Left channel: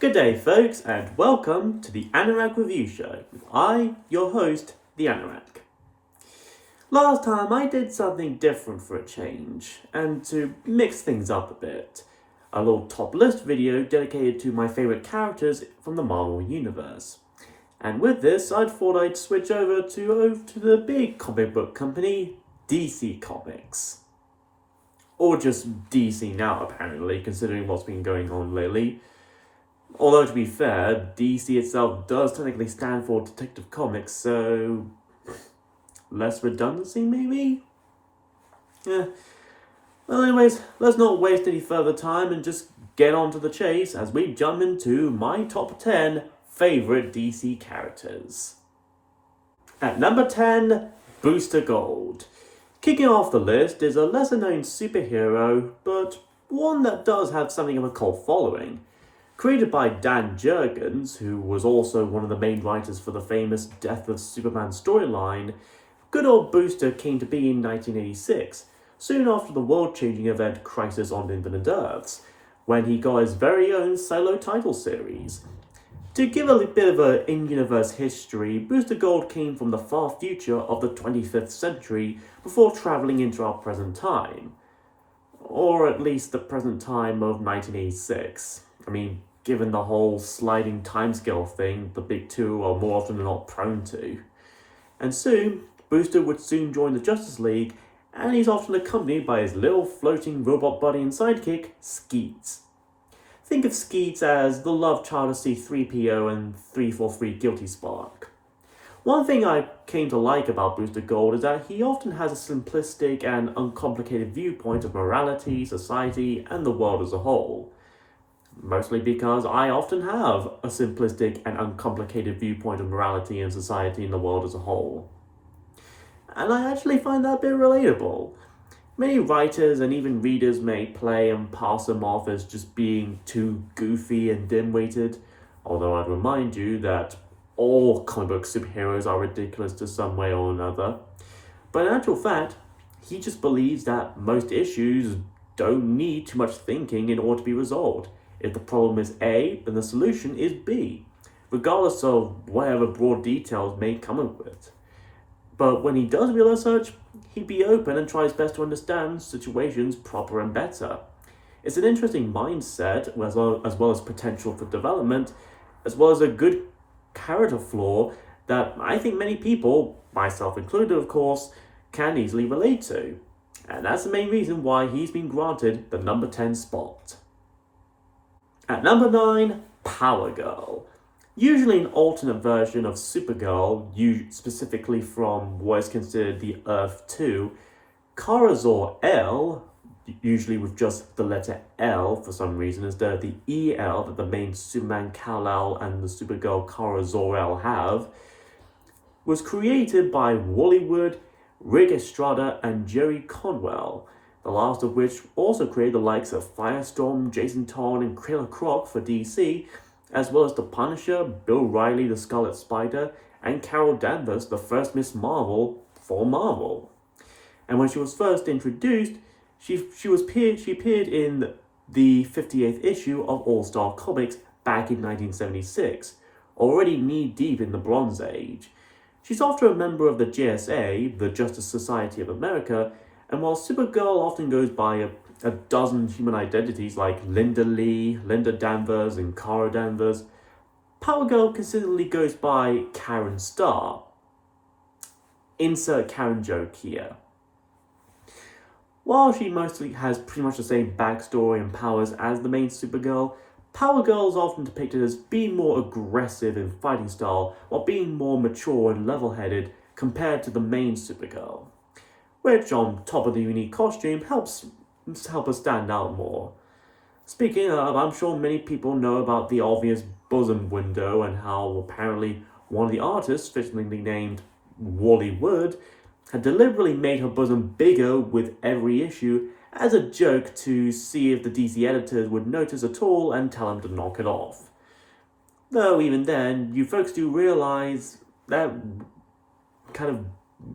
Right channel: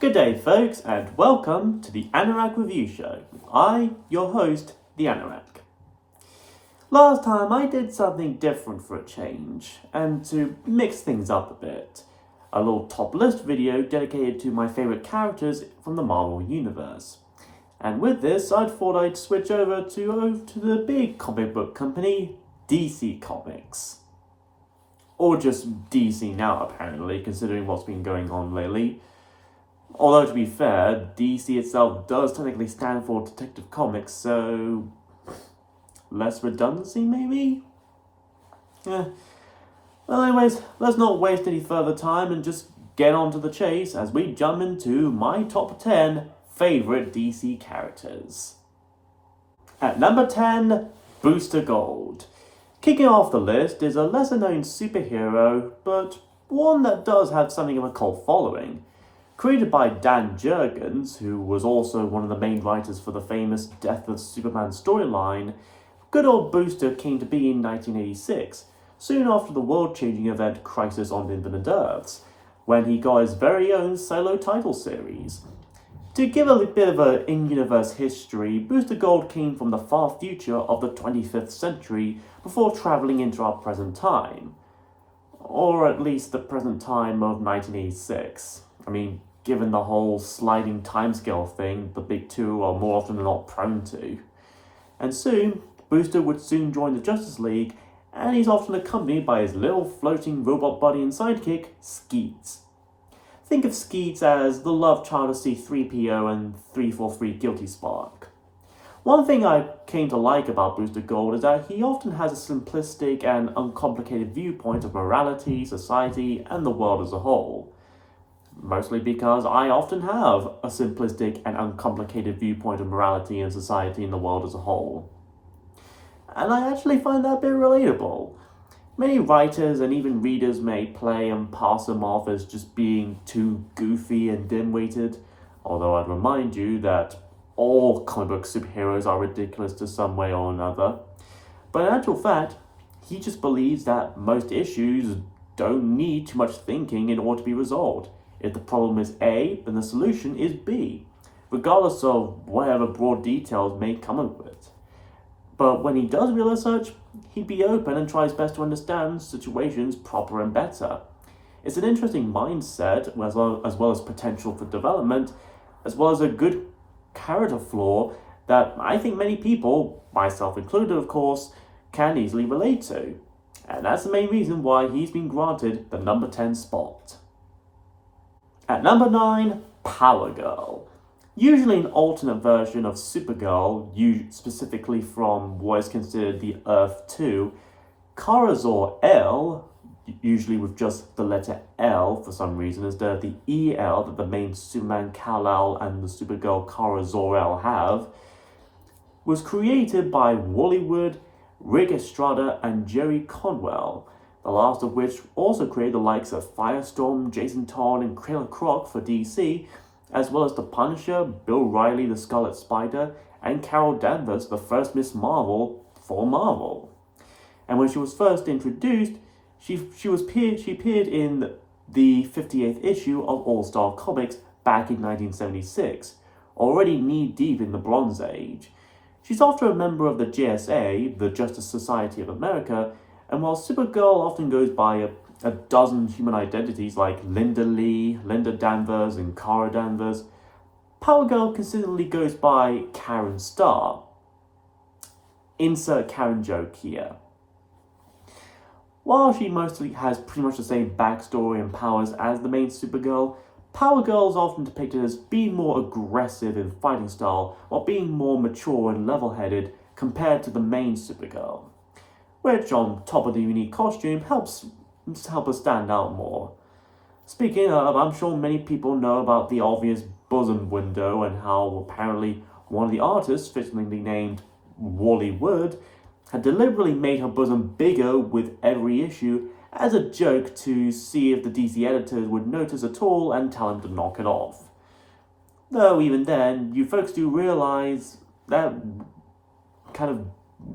Good day, folks, and welcome to the Anorak Review Show with your host, the Anorak. Last time I did something different for a change, and to mix things up a bit. A little top list video dedicated to my favourite characters from the Marvel Universe. And with this, I thought I'd switch over to the big comic book company, DC Comics. Or just DC now, apparently, considering what's been going on lately. Although, to be fair, DC itself does technically stand for Detective Comics, so less redundancy, maybe? Yeah. Well, anyways, let's not waste any further time and just get on to the chase as we jump into my top 10 favourite DC characters. At number 10, Booster Gold. Kicking off the list is a lesser-known superhero, but one that does have something of a cult following. Created by Dan Jurgens, who was also one of the main writers for the famous Death of Superman storyline, good old Booster came to be in 1986, soon after the world-changing event Crisis on Infinite Earths, when he got his very own solo title series. To give a bit of an in-universe history, Booster Gold came from the far future of the 25th century before travelling into our present time. Or at least the present time of 1986. I mean, given the whole sliding timescale thing the big two are more often than not prone to. And soon, Booster would soon join the Justice League, and he's often accompanied by his little floating robot buddy and sidekick, Skeets. Think of Skeets as the love child of C-3PO and 343 Guilty Spark. One thing I came to like about Booster Gold is that he often has a simplistic and uncomplicated viewpoint of morality, society, and the world as a whole. Mostly because I often have a simplistic and uncomplicated viewpoint of morality and society and the world as a whole. And I actually find that a bit relatable. Many writers and even readers may play and pass him off as just being too goofy and dim-witted, although I'd remind you that all comic book superheroes are ridiculous to some way or another. But in actual fact, he just believes that most issues don't need too much thinking in order to be resolved. If the problem is A, then the solution is B, regardless of whatever broad details may come of it. But when he does real research, he'd be open and tries best to understand situations proper and better. It's an interesting mindset, as well as potential for development, as well as a good character flaw that I think many people, myself included of course, can easily relate to. And that's the main reason why he's been granted the number 10 spot. At number 9, Power Girl. Usually an alternate version of Supergirl, specifically from what is considered the Earth 2, Kara Zor-El, usually with just the letter L for some reason, instead of the EL that the main Superman Kal-El and the Supergirl Kara Zor-El have, was created by Wally Wood, Rick Estrada, and Jerry Conwell, the last of which also created the likes of Firestorm, Jason Todd, and Killer Croc for DC, as well as the Punisher, Bill Riley, the Scarlet Spider, and Carol Danvers, the first Miss Marvel for Marvel. And when she was first introduced, she appeared in the 58th issue of All-Star Comics back in 1976, already knee-deep in the Bronze Age. She's after a member of the JSA, the Justice Society of America, and while Supergirl often goes by a dozen human identities like Linda Lee, Linda Danvers, and Kara Danvers, Power Girl consistently goes by Karen Starr. Insert Karen joke here. While she mostly has pretty much the same backstory and powers as the main Supergirl, Power Girl is often depicted as being more aggressive in fighting style, while being more mature and level-headed compared to the main Supergirl, which on top of the unique costume helps her stand out more. Speaking of, I'm sure many people know about the obvious bosom window and how apparently one of the artists, fictionally named Wally Wood, had deliberately made her bosom bigger with every issue as a joke to see if the DC editors would notice at all and tell him to knock it off. Though even then, you folks do realise that kind of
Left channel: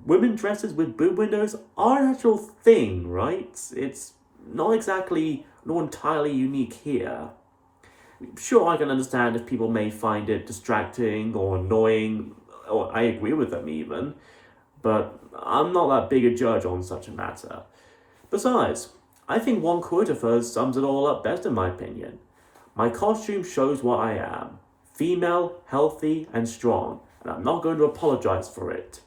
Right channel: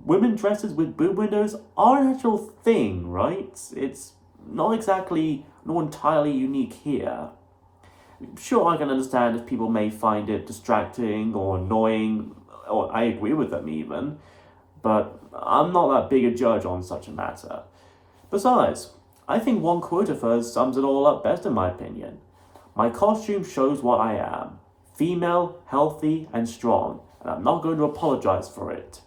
women dresses with boob windows are an actual thing, right? It's not entirely unique here. Sure, I can understand if people may find it distracting or annoying, or I agree with them even, but I'm not that big a judge on such a matter. Besides, I think one quote of hers sums it all up best in my opinion. My costume shows what I am. Female, healthy, and strong, and I'm not going to apologize for it.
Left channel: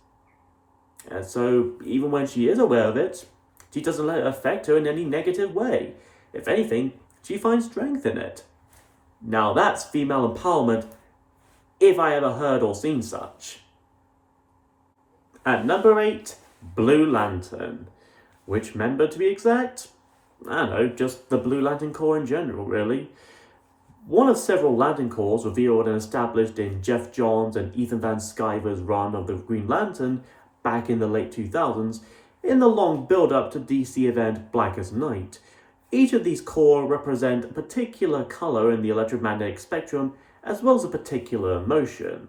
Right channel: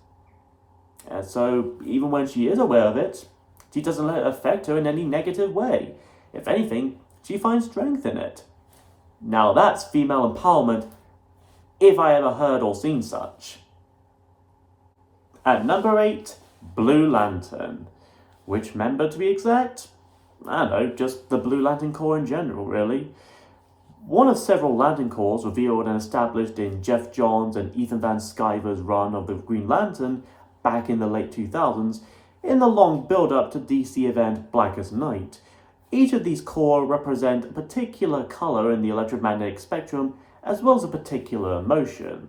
And so, even when she is aware of it, she doesn't let it affect her in any negative way. If anything, she finds strength in it. Now that's female empowerment, if I ever heard or seen such. At number 8, Blue Lantern. Which member to be exact? I don't know, just the Blue Lantern Corps in general, really. One of several Lantern Corps revealed and established in Jeff Johns and Ethan Van Sciver's run of the Green Lantern back in the late 2000s, in the long build-up to DC event Blackest Night. Each of these corps represent a particular color in the electromagnetic spectrum, as well as a particular emotion.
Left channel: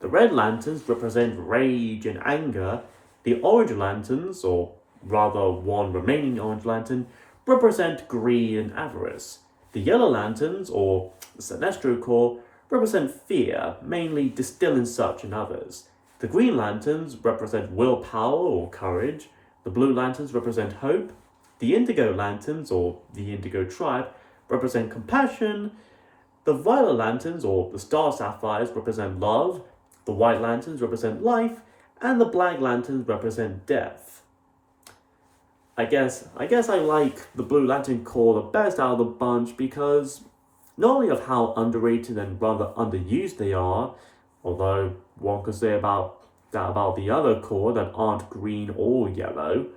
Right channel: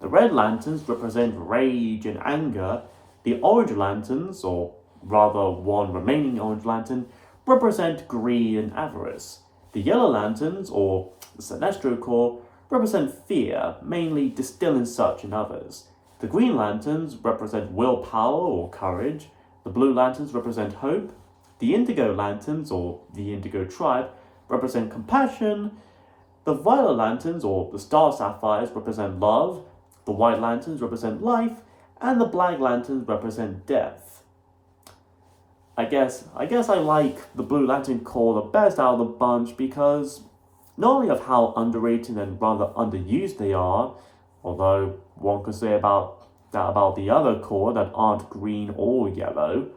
The Red Lanterns represent rage and anger. The Orange Lanterns, or rather one remaining Orange Lantern, represent greed and avarice. The Yellow Lanterns, or the Sinestro Corps, represent fear, mainly distilling such in others. The Green Lanterns represent willpower or courage. The Blue Lanterns represent hope. The Indigo Lanterns, or the Indigo Tribe, represent compassion. The Violet Lanterns, or the Star Sapphires, represent love. The White Lanterns represent life. And the Black Lanterns represent death. I guess I like the Blue Lantern Corps the best out of the bunch because not only of how underrated and rather underused they are, although one could say about the other corps that aren't green or yellow,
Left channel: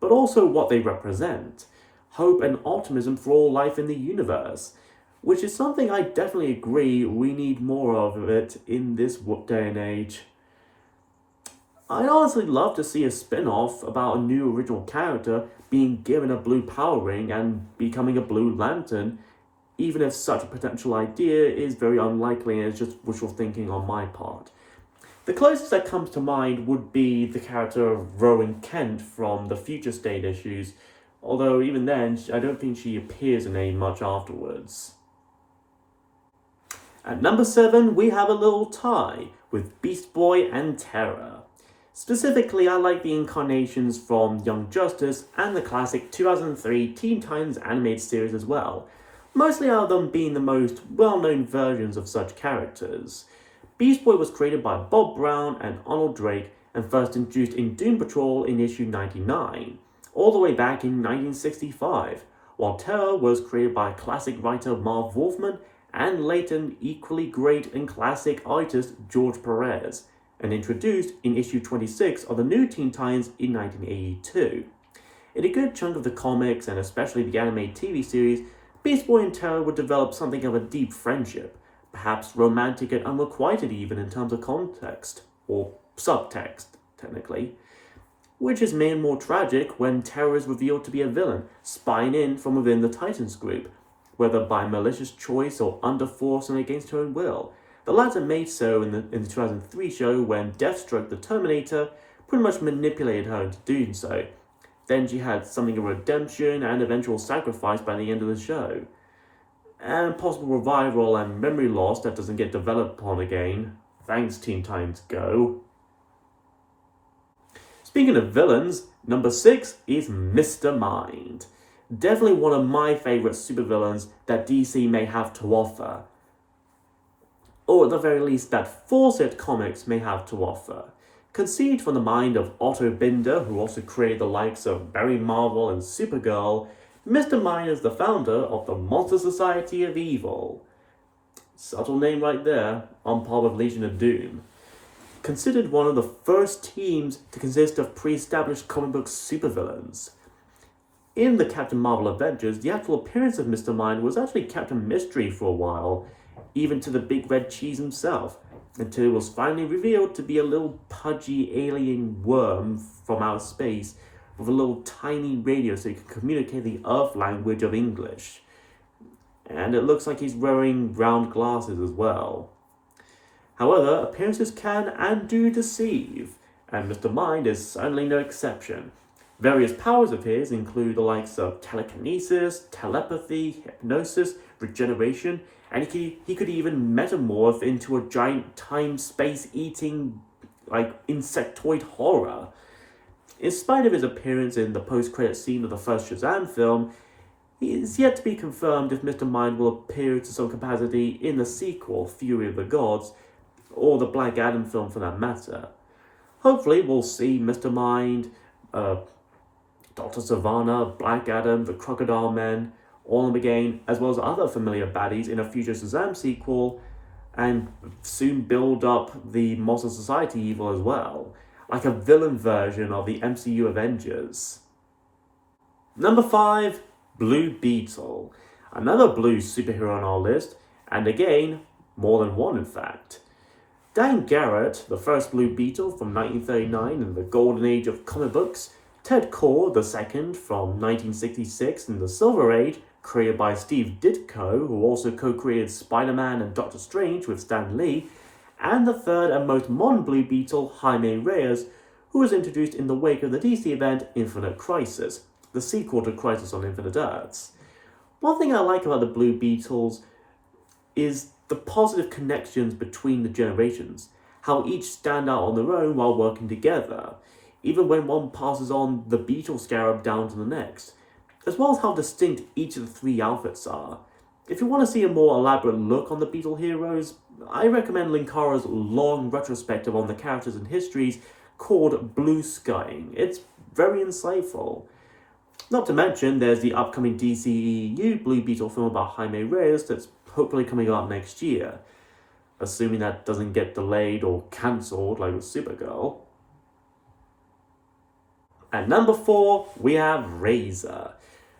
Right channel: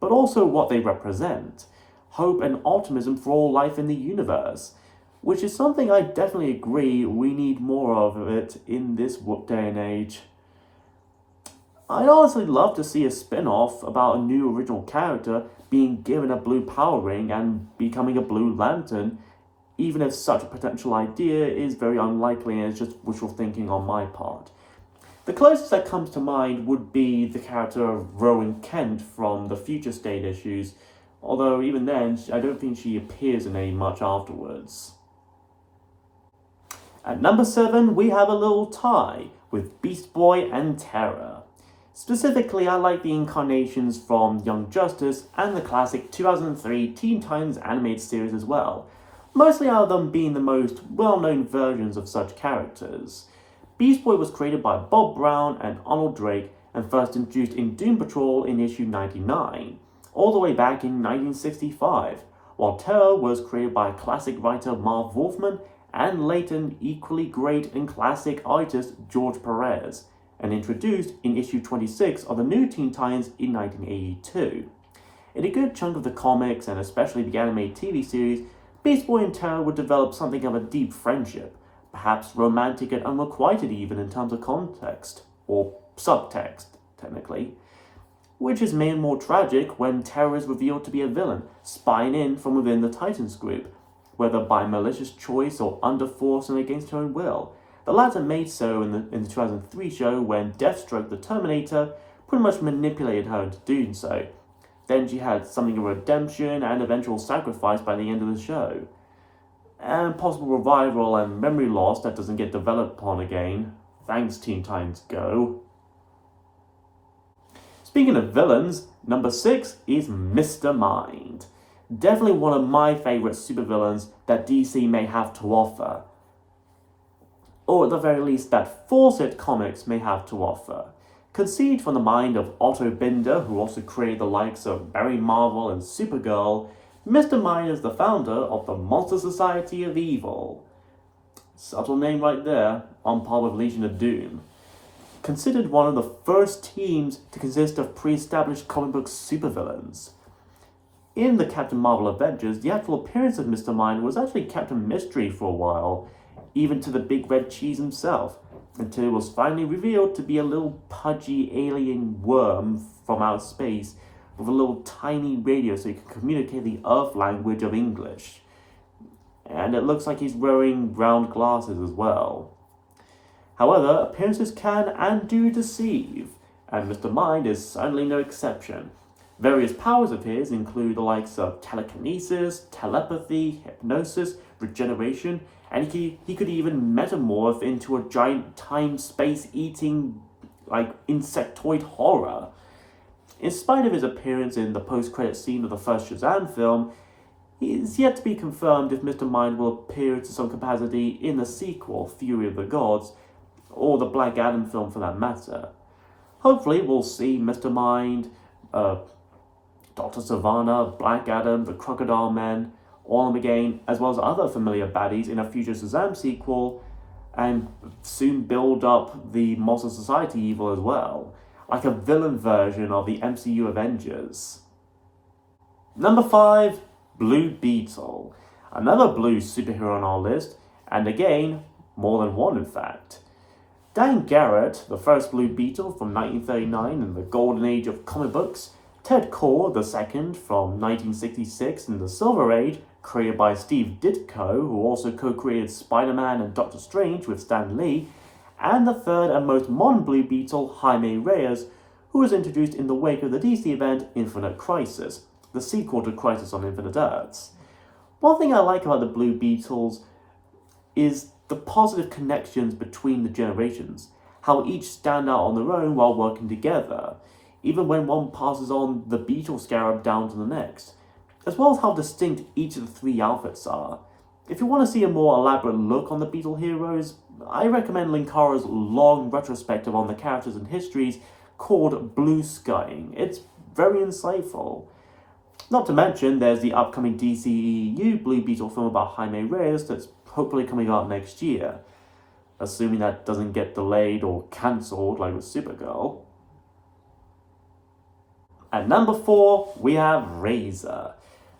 but also what they represent. Hope and optimism for all life in the universe, which is something I definitely agree we need more of it in this day and age. I'd honestly love to see a spin-off about a new original character being given a blue power ring and becoming a Blue Lantern, even if such a potential idea is very unlikely and is just wishful thinking on my part. The closest that comes to mind would be the character of Rowan Kent from the Future State issues, although even then, I don't think she appears in any much afterwards. At number 7, we have a little tie with Beast Boy and Terra. Specifically, I like the incarnations from Young Justice and the classic 2003 Teen Titans animated series as well, mostly out of them being the most well-known versions of such characters. Beast Boy was created by Bob Brown and Arnold Drake and first introduced in Doom Patrol in issue 99, all the way back in 1965, while Terra was created by classic writer Marv Wolfman and later equally great and classic artist George Perez, and introduced in issue 26 of the New Teen Titans in 1982. In a good chunk of the comics, and especially the animated TV series, Beast Boy and Terra would develop something of a deep friendship, perhaps romantic and unrequited even in terms of context, or subtext, technically, which is made more tragic when Terra is revealed to be a villain, spying in from within the Titans group, whether by malicious choice or under force and against her own will. The latter made so in the 2003 show when Deathstroke the Terminator pretty much manipulated her into doing so. Then she had something of redemption and eventual sacrifice by the end of the show. And possible revival and memory loss that doesn't get developed upon again. Thanks, Teen Titans Go. Speaking of villains, number 6 is Mr. Mind. Definitely one of my favourite supervillains that DC may have to offer. Or at the very least that Fawcett Comics may have to offer. Conceived from the mind of Otto Binder, who also created the likes of Barry Marvel and Supergirl, Mr. Mind is the founder of the Monster Society of Evil. Subtle name right there, on par with Legion of Doom. Considered one of the first teams to consist of pre-established comic book supervillains. In the Captain Marvel Avengers, the actual appearance of Mr. Mind was actually Captain Mystery for a while, even to the Big Red Cheese himself, until it was finally revealed to be a little pudgy alien worm from outer space with a little tiny radio so he can communicate the Earth language of English. And it looks like he's wearing round glasses as well. However, appearances can and do deceive, and Mr. Mind is certainly no exception. Various powers of his include the likes of telekinesis, telepathy, hypnosis, regeneration, and he could even metamorph into a giant time-space eating, insectoid horror. In spite of his appearance in the post-credit scene of the first Shazam film, it is yet to be confirmed if Mr. Mind will appear to some capacity in the sequel, Fury of the Gods, or the Black Adam film for that matter. Hopefully we'll see Mr. Mind, Dr. Savannah, Black Adam, the Crocodile Man, Orm again, as well as other familiar baddies in a future Shazam sequel, and soon build up the Monster Society evil as well, like a villain version of the MCU Avengers. Number 5, Blue Beetle. Another blue superhero on our list, and again, more than one in fact. Dan Garrett, the first Blue Beetle from 1939 in the golden age of comic books, Ted Kord II from 1966 in the Silver Age, created by Steve Ditko, who also co-created Spider-Man and Doctor Strange with Stan Lee, and the third and most modern Blue Beetle, Jaime Reyes, who was introduced in the wake of the DC event Infinite Crisis, the sequel to Crisis on Infinite Earths. One thing I like about the Blue Beetles is the positive connections between the generations, how each stand out on their own while working together, even when one passes on the Beetle Scarab down to the next, as well as how distinct each of the three outfits are. If you want to see a more elaborate look on the Beetle heroes, I recommend Linkara's long retrospective on the characters and histories called Blue Skying. It's very insightful. Not to mention, there's the upcoming DCEU Blue Beetle film about Jaime Reyes that's hopefully coming out next year, assuming that doesn't get delayed or cancelled like with Supergirl. At number 4, we have Razor.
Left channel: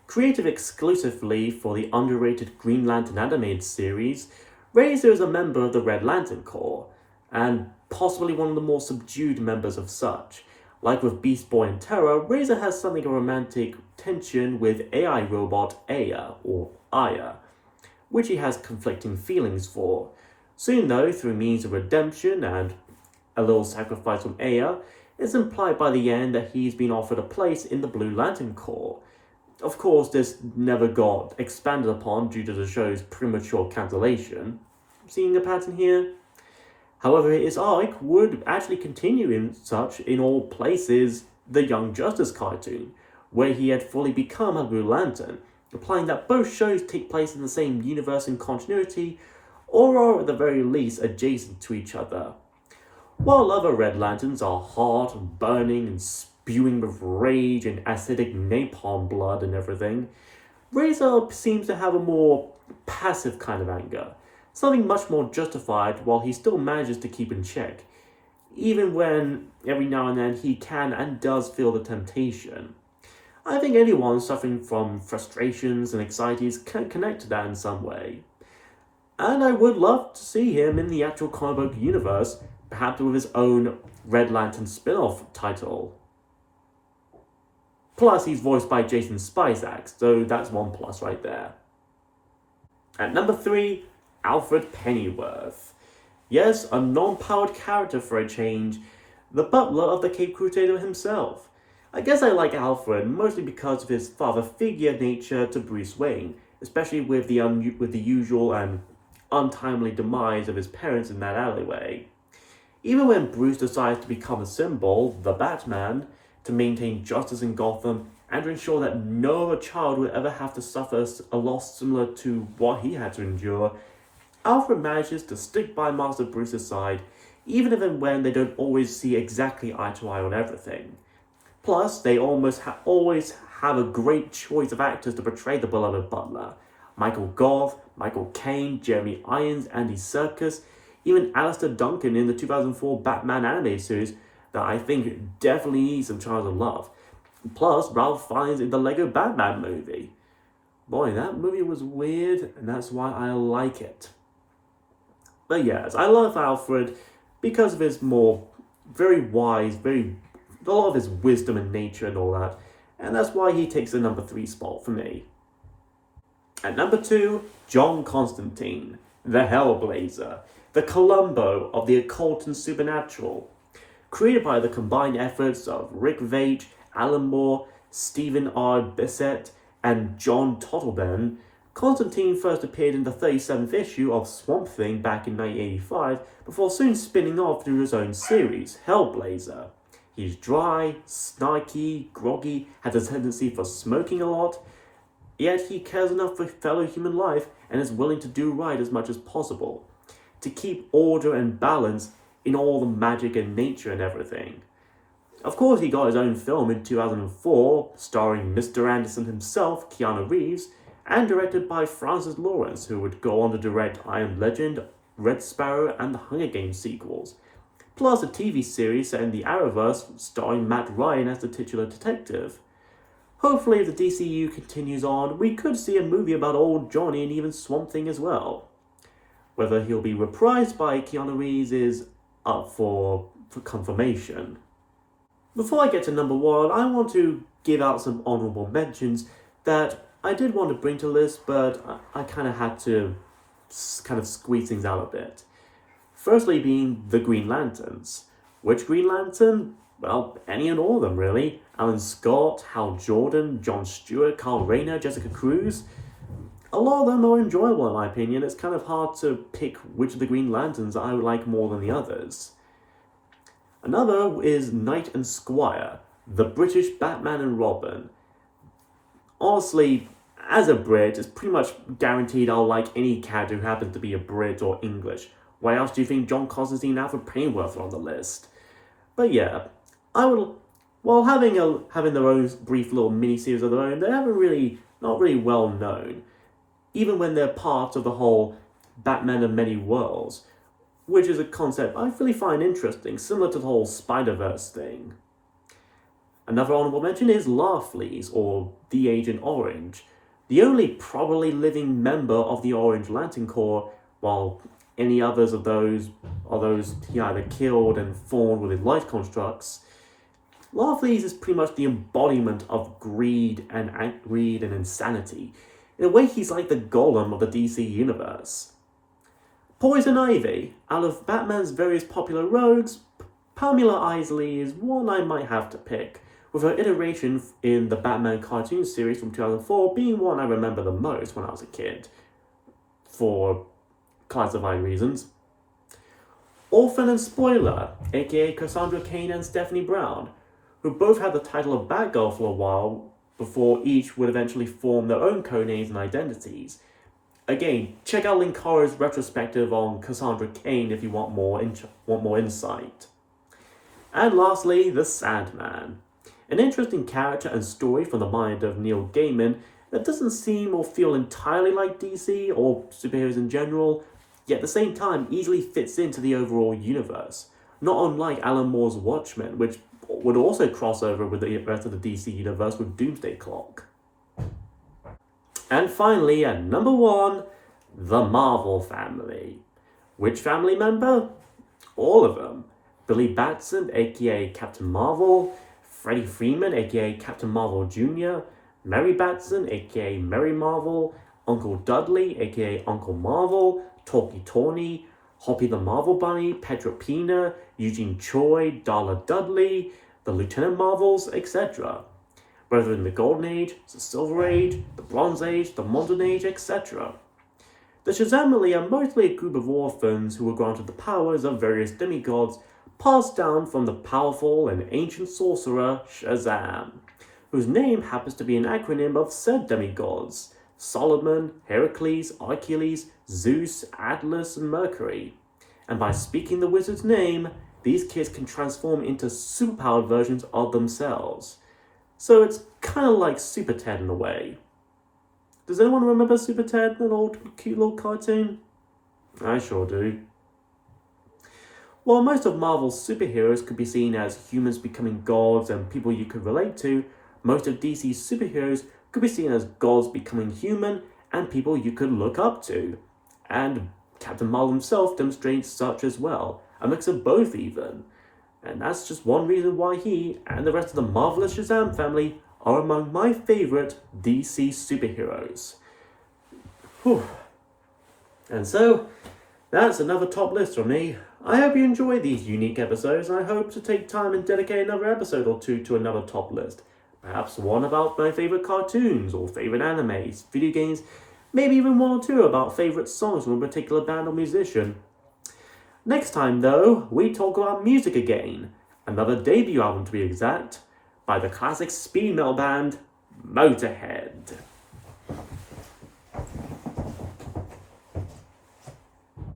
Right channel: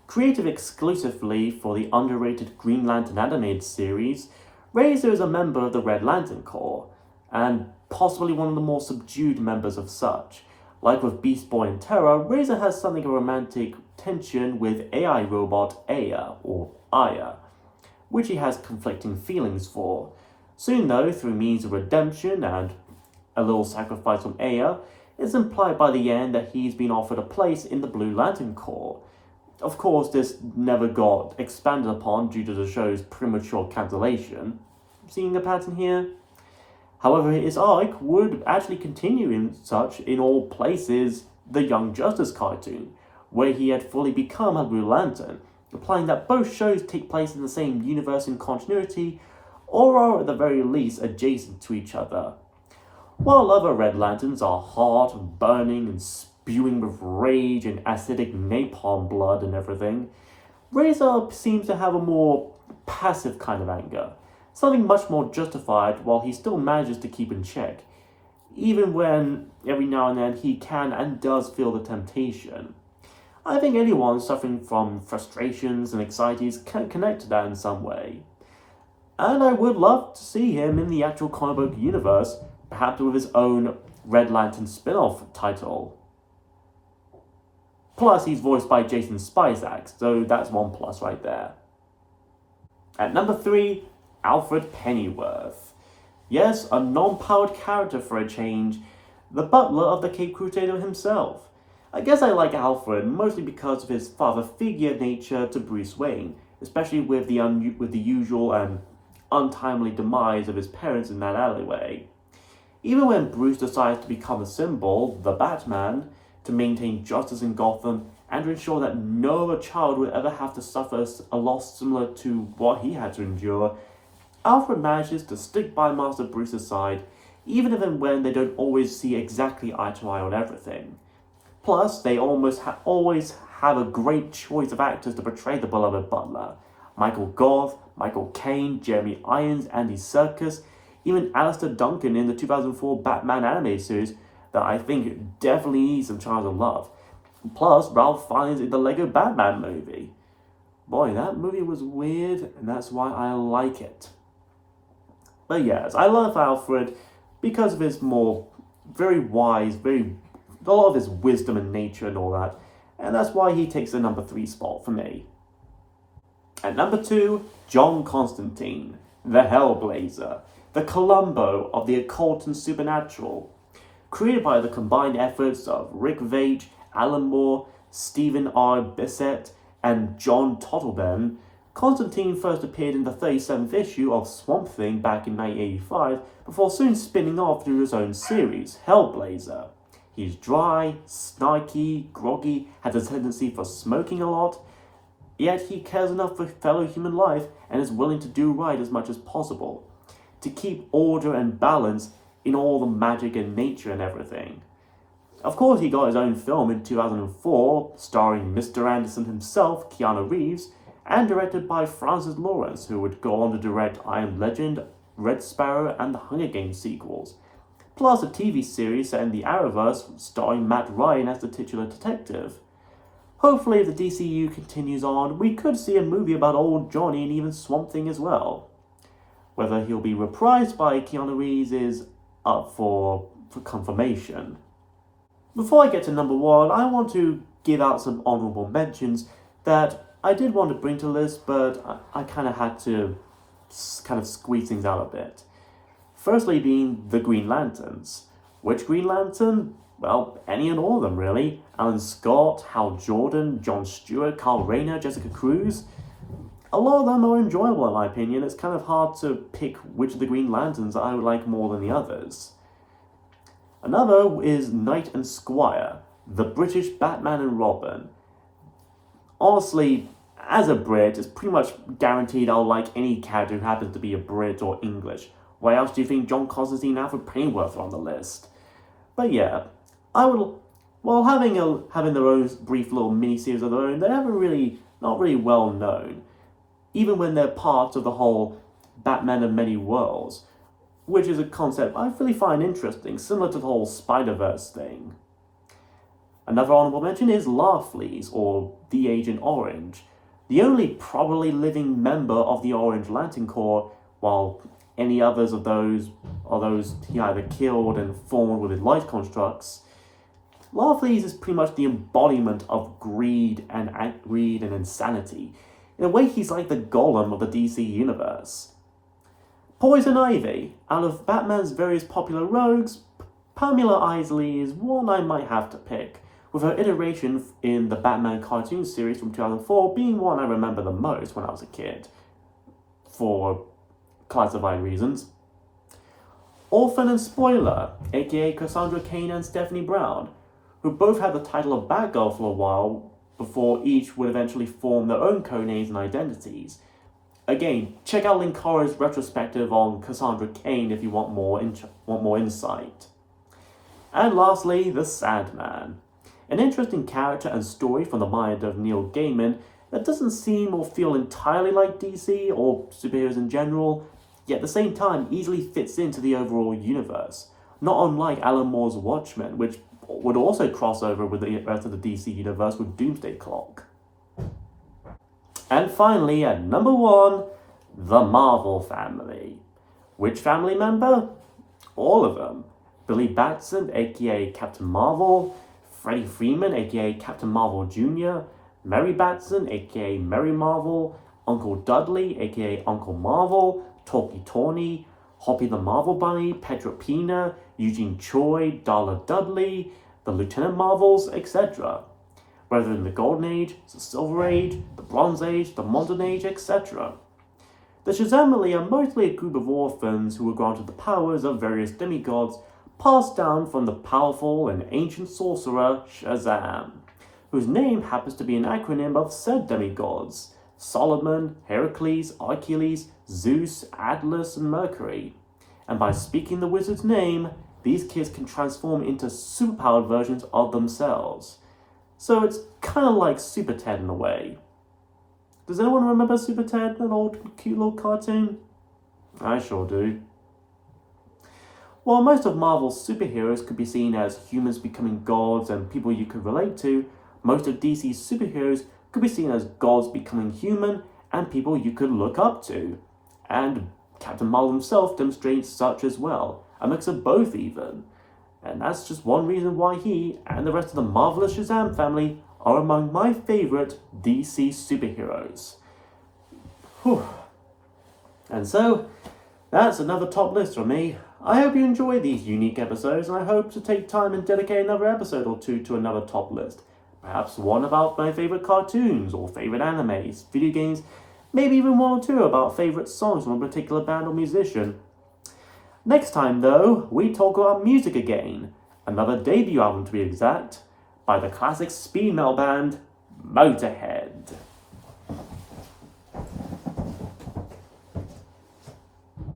Created exclusively for the underrated Green Lantern animated series, Razor is a member of the Red Lantern Corps, and possibly one of the more subdued members of such. Like with Beast Boy and Terra, Razor has something of romantic tension with AI robot Aya, or Aya, which he has conflicting feelings for. Soon though, through means of redemption and a little sacrifice from Aya, it's implied by the end that he's been offered a place in the Blue Lantern Corps. Of course, this never got expanded upon due to the show's premature cancellation. Seeing a pattern here? However, his arc would actually continue in all places the Young Justice cartoon, where he had fully become a Blue Lantern, implying that both shows take place in the same universe and continuity, or are at the very least adjacent to each other. While other Red Lanterns are hot and burning and spewing with rage and acidic napalm blood and everything, Razor seems to have a more passive kind of anger, something much more justified while he still manages to keep in check, even when every now and then he can and does feel the temptation. I think anyone suffering from frustrations and anxieties can connect to that in some way. And I would love to see him in the actual comic book universe, perhaps with his own Red Lantern spin-off title. Plus, he's voiced by Jason Spizak, so that's one plus right there. At number 3, Alfred Pennyworth. Yes, a non-powered character for a change, the butler of the Cape Crusader himself. I guess I like Alfred mostly because of his father figure nature to Bruce Wayne, especially with the usual and untimely demise of his parents in that alleyway. Even when Bruce decides to become a symbol, the Batman, to maintain justice in Gotham and to ensure that no other child would ever have to suffer a loss similar to what he had to endure, Alfred manages to stick by Master Bruce's side, even if and when they don't always see exactly eye to eye on everything. Plus, they always have a great choice of actors to portray the beloved butler. Michael Gough, Michael Caine, Jeremy Irons, Andy Serkis, even Alistair Duncan in the 2004 Batman animated series that I think definitely needs some Child of Love. Plus, Ralph Fiennes in the Lego Batman movie. Boy, that movie was weird, and that's why I like it. But yes, I love Alfred because of his very wise, a lot of his wisdom and nature and all that, and that's why he takes the number 3 spot for me. At number 2, John Constantine, the Hellblazer, the Columbo of the occult and supernatural. Created by the combined efforts of Rick Veitch, Alan Moore, Stephen R. Bissett, and John Totleben, Constantine first appeared in the 37th issue of Swamp Thing back in 1985, before soon spinning off to his own series, Hellblazer. He's dry, snarky, groggy, has a tendency for smoking a lot, yet he cares enough for fellow human life and is willing to do right as much as possible, to keep order and balance in all the magic and nature and everything. Of course, he got his own film in 2004, starring Mr. Anderson himself, Keanu Reeves, and directed by Francis Lawrence, who would go on to direct I Am Legend, Red Sparrow, and the Hunger Games sequels, plus a TV series set in the Arrowverse starring Matt Ryan as the titular detective. Hopefully, if the DCU continues on, we could see a movie about old Johnny and even Swamp Thing as well. Whether he'll be reprised by Keanu Reeves is up for confirmation. Before I get to number 1, I want to give out some honourable mentions that I did want to bring to the list, but I kind of had to squeeze things out a bit. Firstly being the Green Lanterns. Which Green Lantern? Well, any and all of them really. Alan Scott, Hal Jordan, John Stewart, Carl Rayner, Jessica Cruz. A lot of them are enjoyable in my opinion. It's kind of hard to pick which of the Green Lanterns I would like more than the others. Another is Knight and Squire, the British Batman and Robin. Honestly, as a Brit, it's pretty much guaranteed I'll like any character who happens to be a Brit or English. Why else do you think John Constantine and Alfred Pennyworth are on the list? But yeah, having their own brief little mini-series of their own, they're not really well known, even when they're part of the whole Batman of Many Worlds, which is a concept I really find interesting, similar to the whole Spider-Verse thing. Another honourable mention is Larfleeze, or the Agent Orange, the only probably living member of the Orange Lantern Corps, while any others of those he either killed and formed with his life constructs. Larfleeze is pretty much the embodiment of greed and insanity. In a way, he's like the Golem of the DC universe. Poison Ivy. Out of Batman's various popular rogues, Pamela Isley is one I might have to pick, with her iteration in the Batman cartoon series from 2004 being one I remember the most when I was a kid, for classified reasons. Orphan and Spoiler, aka Cassandra Cain and Stephanie Brown, who both had the title of Batgirl for a while before each would eventually form their own codenames and identities. Again, check out Linkaro's retrospective on Cassandra Cain if you want more insight. And lastly, the Sandman. An interesting character and story from the mind of Neil Gaiman that doesn't seem or feel entirely like DC or superheroes in general, yet at the same time easily fits into the overall universe, not unlike Alan Moore's Watchmen, which would also cross over with the rest of the DC universe with Doomsday Clock. And finally, at number 1, the Marvel family. Which family member? All of them. Billy Batson, aka Captain Marvel, Freddie Freeman, aka Captain Marvel Jr., Mary Batson, aka Mary Marvel, Uncle Dudley, aka Uncle Marvel, Talkie Tawny, Hoppy the Marvel Bunny, Petra Pina, Eugene Choi, Darla Dudley, the Lieutenant Marvels, etc. Whether in the Golden Age, the Silver Age, the Bronze Age, the Modern Age, etc. The Shazamily are mostly a group of orphans who were granted the powers of various demigods passed down from the powerful and ancient sorcerer Shazam, whose name happens to be an acronym of said demigods: Solomon, Heracles, Achilles, Zeus, Atlas, and Mercury. And by speaking the wizard's name, these kids can transform into superpowered versions of themselves. So it's kind of like Super Ted in a way. Does anyone remember Super Ted, an old cute little cartoon? I sure do. While most of Marvel's superheroes could be seen as humans becoming gods and people you could relate to, most of DC's superheroes could be seen as gods becoming human and people you could look up to. And Captain Marvel himself demonstrates such as well, a mix of both even. And that's just one reason why he and the rest of the Marvelous Shazam family are among my favourite DC superheroes. Whew. And so, that's another top list from me. I hope you enjoy these unique episodes, and I hope to take time and dedicate another episode or two to another top list. Perhaps one about my favourite cartoons, or favourite animes, video games, Maybe even one or two about favourite songs from a particular band or musician. Next time, though, we talk about music again. Another debut album, to be exact, by the classic speed metal band Motorhead.